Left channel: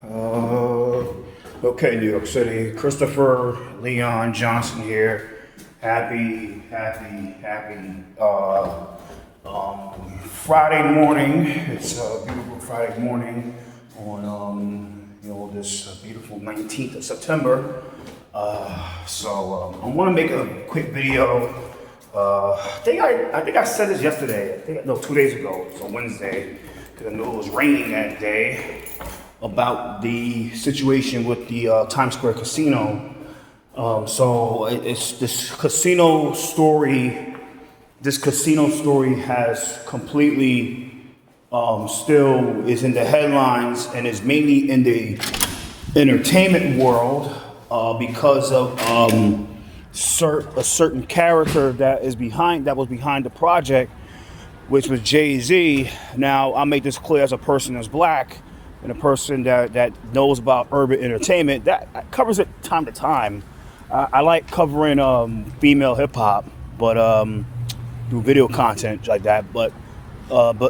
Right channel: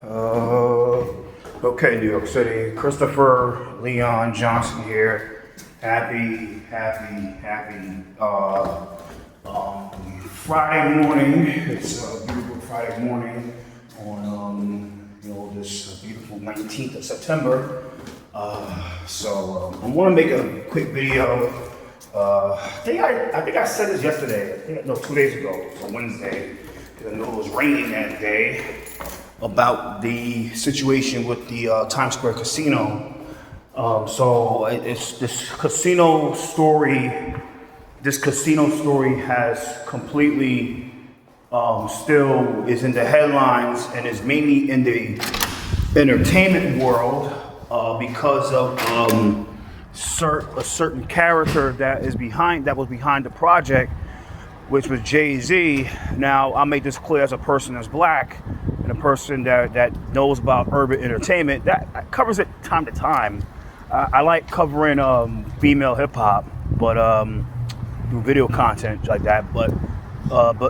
Uh, okay, New York City. Christopher Leon Johnson here. Happy Friday morning. It's a beautiful Friday morning on this beautiful 19th of September. I want to make a quick video. I think I said this yesterday. No, 2 days ago. So Wednesday, because I know it was raining that day, about the situation with the Times Square casino. It's this casino story. This casino story has completely still is in the headlines and is mainly in the entertainment world because of a certain character that was behind the project, which was Jay-Z. Now, I'll make this clear as a person that's black and a person that knows about urban entertainment. That covers it time to time. I like covering female hip-hop, but do video content like that. But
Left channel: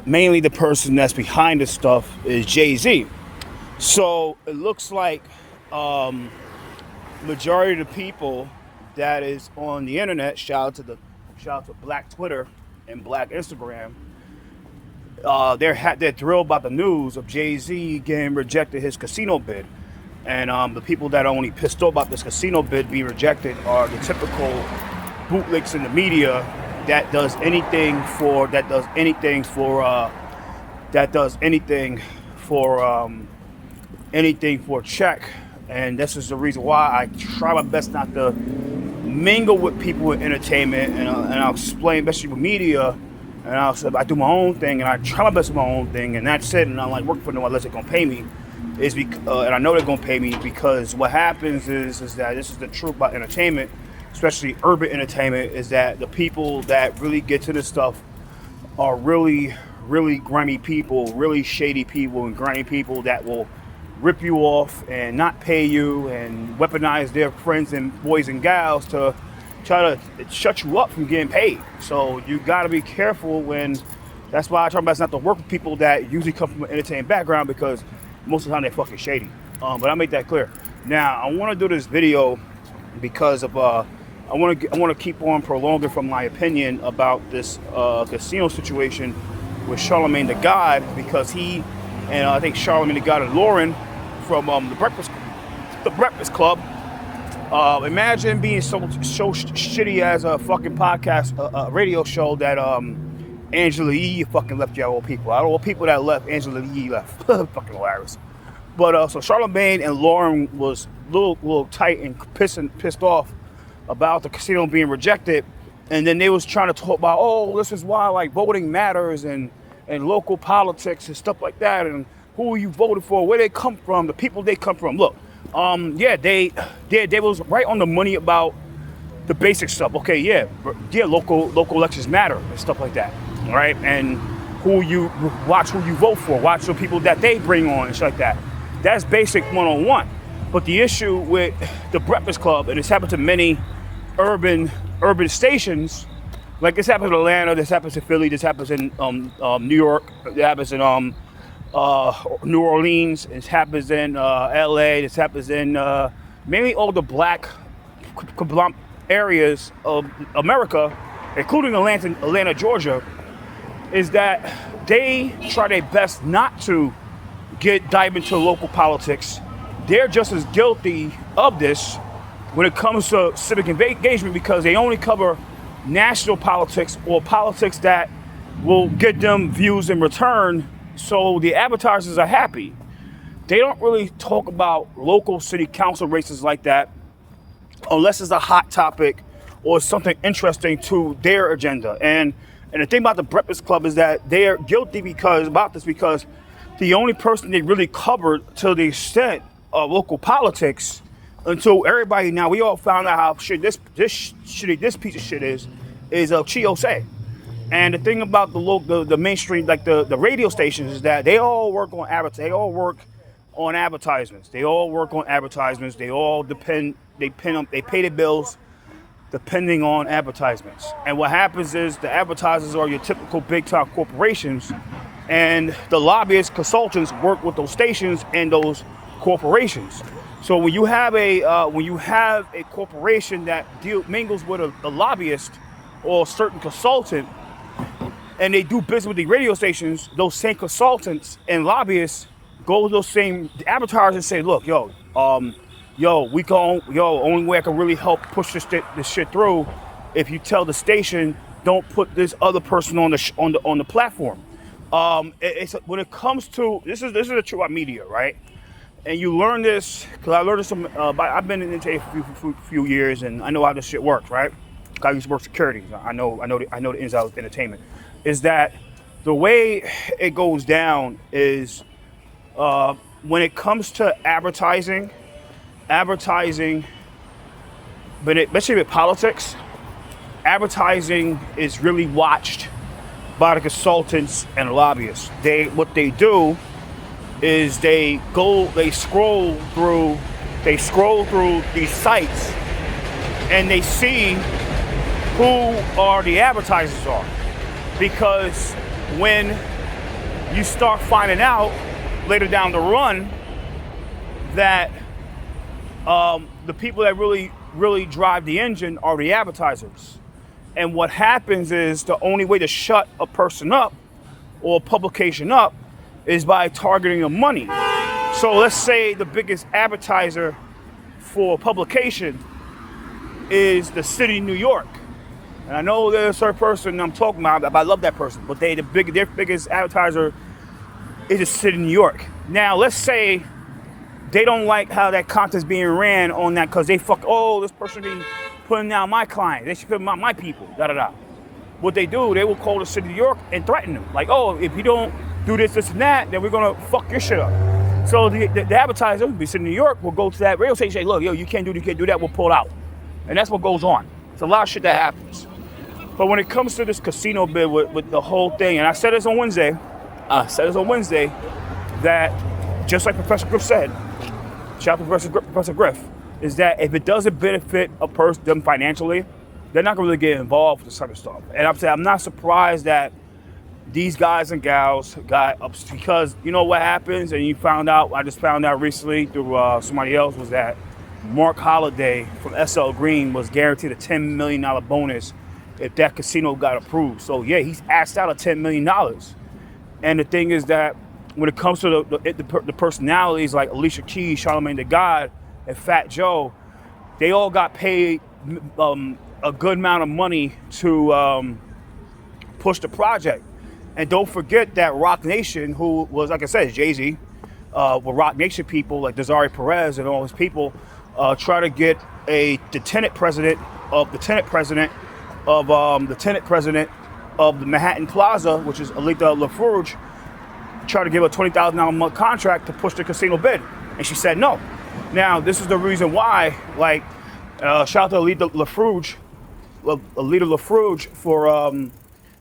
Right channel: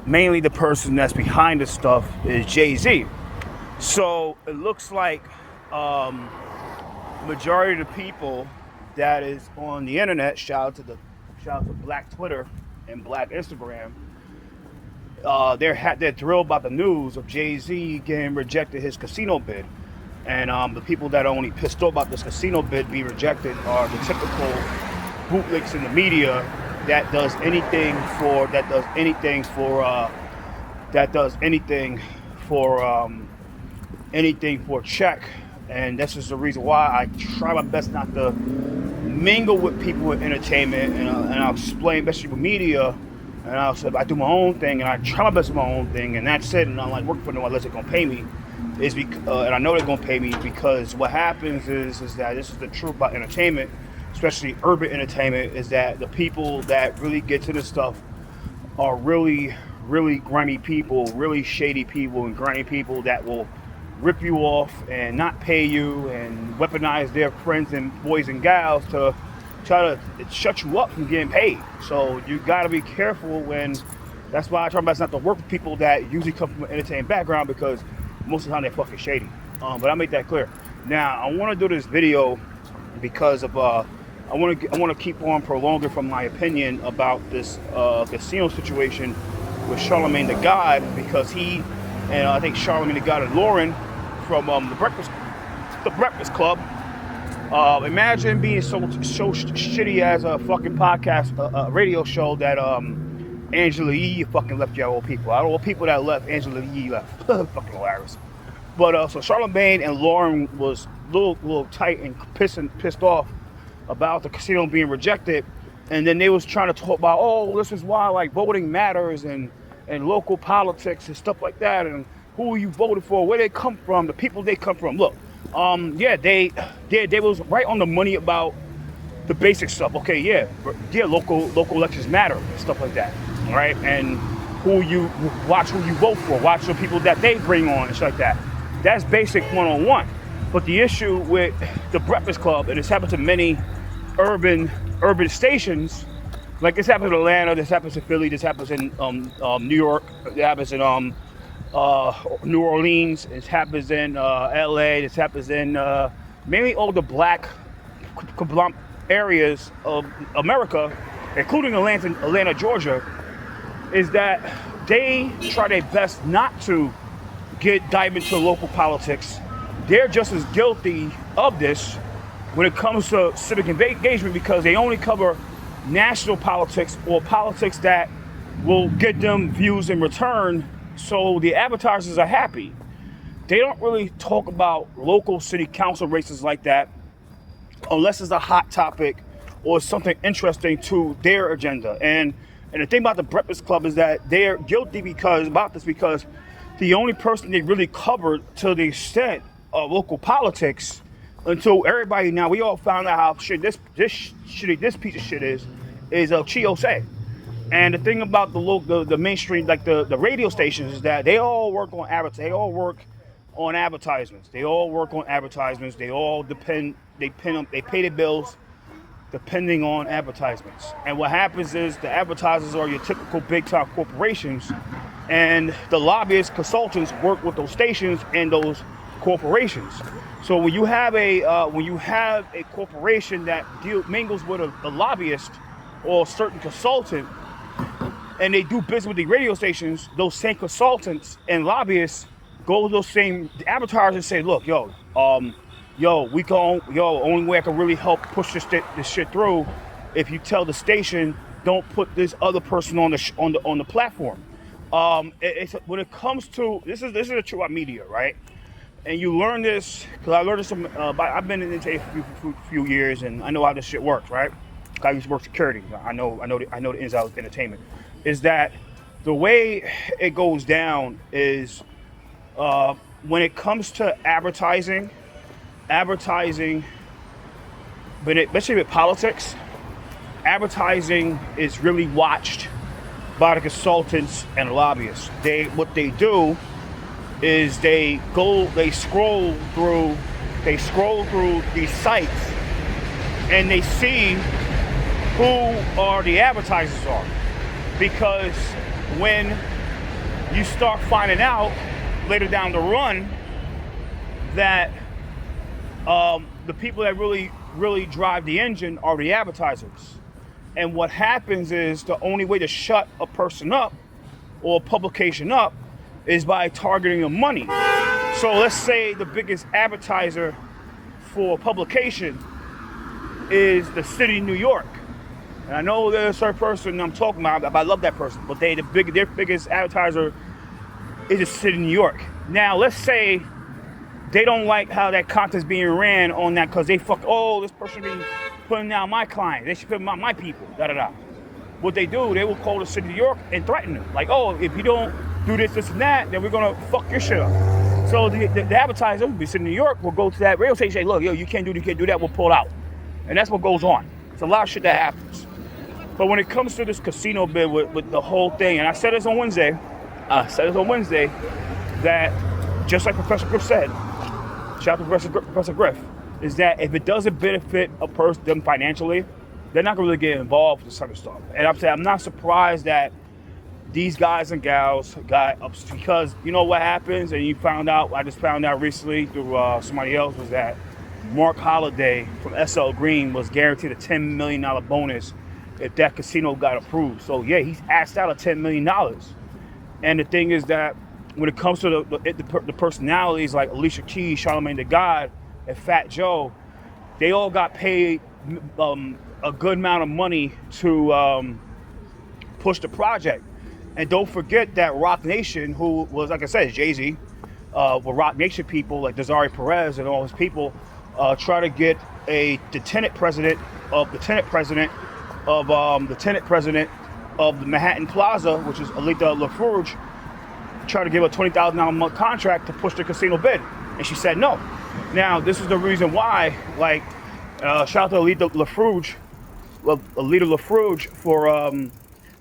mainly the person that's behind this stuff is Jay-Z. So it looks like majority of the people that is on the internet, shout out to Black Twitter and Black Instagram, they're thrilled about the news of Jay-Z getting rejected his casino bid. And the people that are only pissed off about this casino bid being rejected are the typical bootlicks in the media that does anything for check. And this is the reason why I try my best not to mingle with people in entertainment, and I'll explain, especially with media, and I'll say I do my own thing, and I try my best with my own thing, and that's it. And I like work for them unless they're gonna pay me, and I know they're gonna pay me, because what happens is that this is the truth about entertainment, especially urban entertainment, is that the people that really get to this stuff are really, really grimy people, really shady people, and grimy people that will rip you off and not pay you and weaponize their friends and boys and gals to try to shut you up from getting paid. So you got to be careful that's why I try my best not to work with people that usually come from an entertainment background, because most of the time they're fucking shady. But I make that clear. Now I want to do this video because of I want to keep on prolonging from my opinion about this casino situation with Charlemagne the God, because he and I think Charlemagne the God and Lauren from the Breakfast Club. Imagine being so shitty as a fucking podcast, radio show that Angela Yee fucking left y'all old people. All the people that left, Angela Yee left. Fucking hilarious. But so Charlemagne and Lauren was a little tight and pissed off about the casino being rejected, and then they was trying to talk about, this is why like voting matters and local politics and stuff like that, and who you voted for, where they come from, the people they come from. Look, they was right on the money about the basic stuff. Okay, local elections matter and stuff like that, right? And who you vote for, watch the people that they bring on and stuff like that. That's basic 101. But the issue with the Breakfast Club, and it's happened to many urban stations, like this happens in Atlanta, this happens in Philly, this happens in New York, it happens in New Orleans, it happens in LA, this happens in mainly all the black areas of America, including Atlanta, Georgia, is that they try their best not to dive into local politics. They're just as guilty of this when it comes to civic engagement, because they only cover national politics or politics that will get them views in return, so the advertisers are happy. They don't really talk about local city council races like that unless it's a hot topic or something interesting to their agenda. And the thing about the Breakfast Club is that they are guilty because the only person they really covered to the extent of local politics, until everybody, now we all found out how shit this piece of shit is Chiosei. And the thing about the mainstream, like the radio stations, is that they all work on advertisements. They all work on advertisements. They all they pay the bills depending on advertisements. And what happens is the advertisers are your typical big time corporations, and the lobbyists, consultants work with those stations and those corporations. So when you have a corporation that mingles with a lobbyist or a certain consultant, and they do business with the radio stations, those same consultants and lobbyists go to those same advertisers and say, look, only way I can really help push this shit through, if you tell the station, don't put this other person on the platform. When it comes to this is the truth about media, right? And you learn this because I learned this I've been in the for a few years, and I know how this shit works, right? I used to work security. I know the ins and outs of entertainment. Is that the way it goes down? Is when it comes to advertising, but especially with politics, advertising is really watched by the consultants and lobbyists. What they do is they scroll through these sites, and they see who are the advertisers are. Because when you start finding out later down the run that the people that really drive the engine are the advertisers. And what happens is the only way to shut a person up or a publication up is by targeting the money. So let's say the biggest advertiser for publication is the city of New York. And I know there's a certain person I'm talking about, but I love that person. But their biggest advertiser is the city of New York. Now let's say they don't like how that content's being ran on that because they this person be putting down my client. They should put down my people, da-da-da. What they do, they will call the city of New York and threaten them. Like, if you don't do this, and that, then we're gonna fuck your shit up. So the advertiser, the city of New York, will go to that radio station and say, look, you can't do this, you can't do that, we'll pull out. And that's what goes on. It's a lot of shit that happens. But when it comes to this casino bid with the whole thing, and I said this on Wednesday, that just like Professor Griff said, shout out to Professor Griff, is that if it doesn't benefit a person financially, they're not gonna really get involved with this type of stuff. And I'm not surprised that these guys and gals got up, because you know what happens, and I just found out recently through somebody else, was that Mark Holliday from SL Green was guaranteed a $10 million bonus if that casino got approved. So yeah, he's asked out of $10 million. And the thing is that when it comes to the personalities like Alicia Keys, Charlamagne the God, and Fat Joe, they all got paid a good amount of money to push the project. And don't forget that Roc Nation, who was, like I said, Jay-Z, with Roc Nation people like Desiree Perez and all his people, try to get the tenant president of the Manhattan Plaza, which is Alita LaFrouge, tried to give a $20,000 a month contract to push the casino bid, and she said no. Now, this is the reason why, shout out to Alita LaFrouge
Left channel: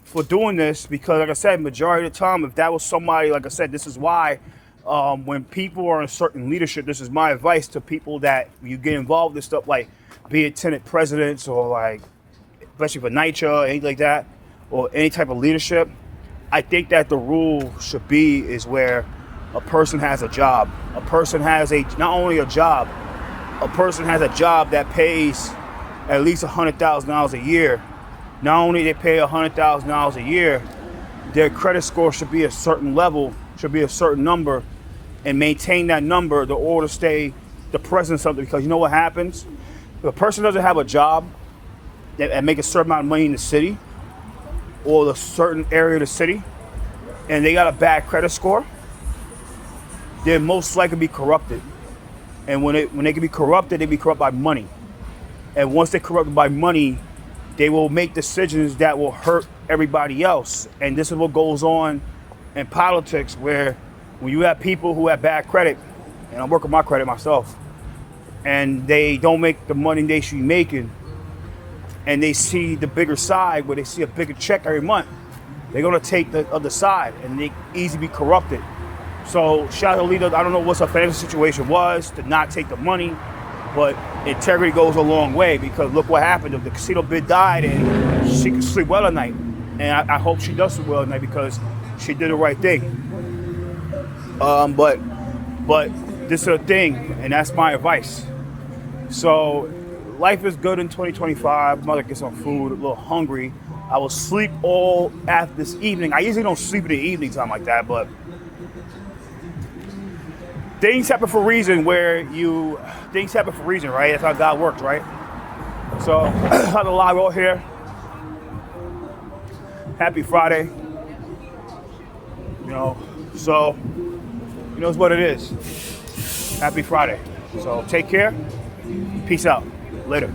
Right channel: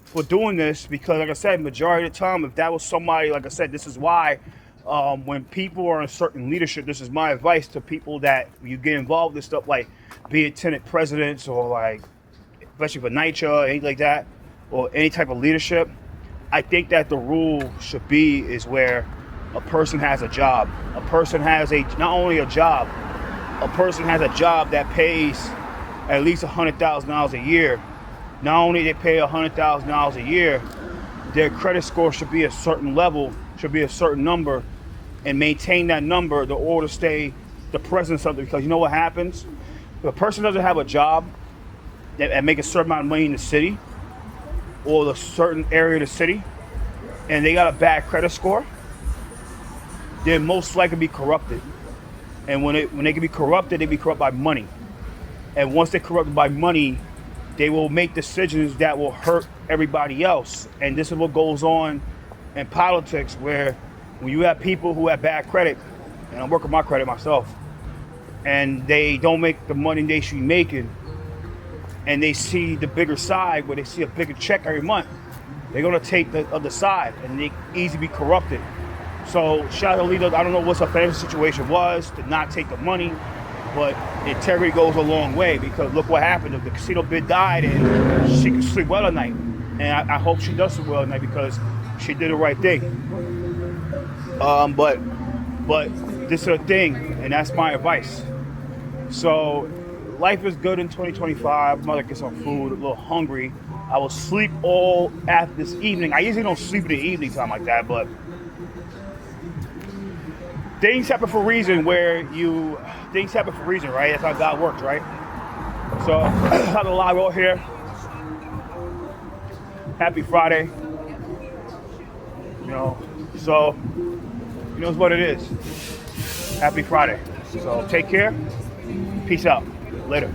for doing this, because like I said, majority of the time, if that was somebody, like I said, this is why when people are in certain leadership, this is my advice to people that you get involved in stuff like be it tenant presidents or especially for NYCHA or anything like that, or any type of leadership. I think that the rule should be is where a person has a job. A person has not only a job, a person has a job that pays at least $100,000 a year. Not only they pay $100,000 a year, their credit score should be a certain level, should be a certain number, and maintain that number in order to stay the president of something. Because you know what happens? If a person doesn't have a job and make a certain amount of money in the city or the certain area of the city, and they got a bad credit score, they're most likely be corrupted. And when they can be corrupted, they be corrupted by money. And once they're corrupted by money, they will make decisions that will hurt everybody else. And this is what goes on in politics, where when you have people who have bad credit, and I'm working my credit myself, and they don't make the money they should be making, and they see the bigger side, where they see a bigger check every month, they're gonna take the other side, and they easily be corrupted. So shout out to Alita. I don't know what her financial situation was to not take the money, but integrity goes a long way, because look what happened. If the casino bid died, and she can sleep well at night. And I hope she does sleep well at night, because she did the right thing. But this is a thing, and that's my advice. So, life is good in 2025. I'm about to get some food, a little hungry. I will sleep all after this evening. I usually don't sleep in the evening time like that, but things happen for a reason things happen for a reason, right? That's how God works, right? So, I had a live out here. Happy Friday. So, it's what it is. Happy Friday. So, take care. Peace out. Later.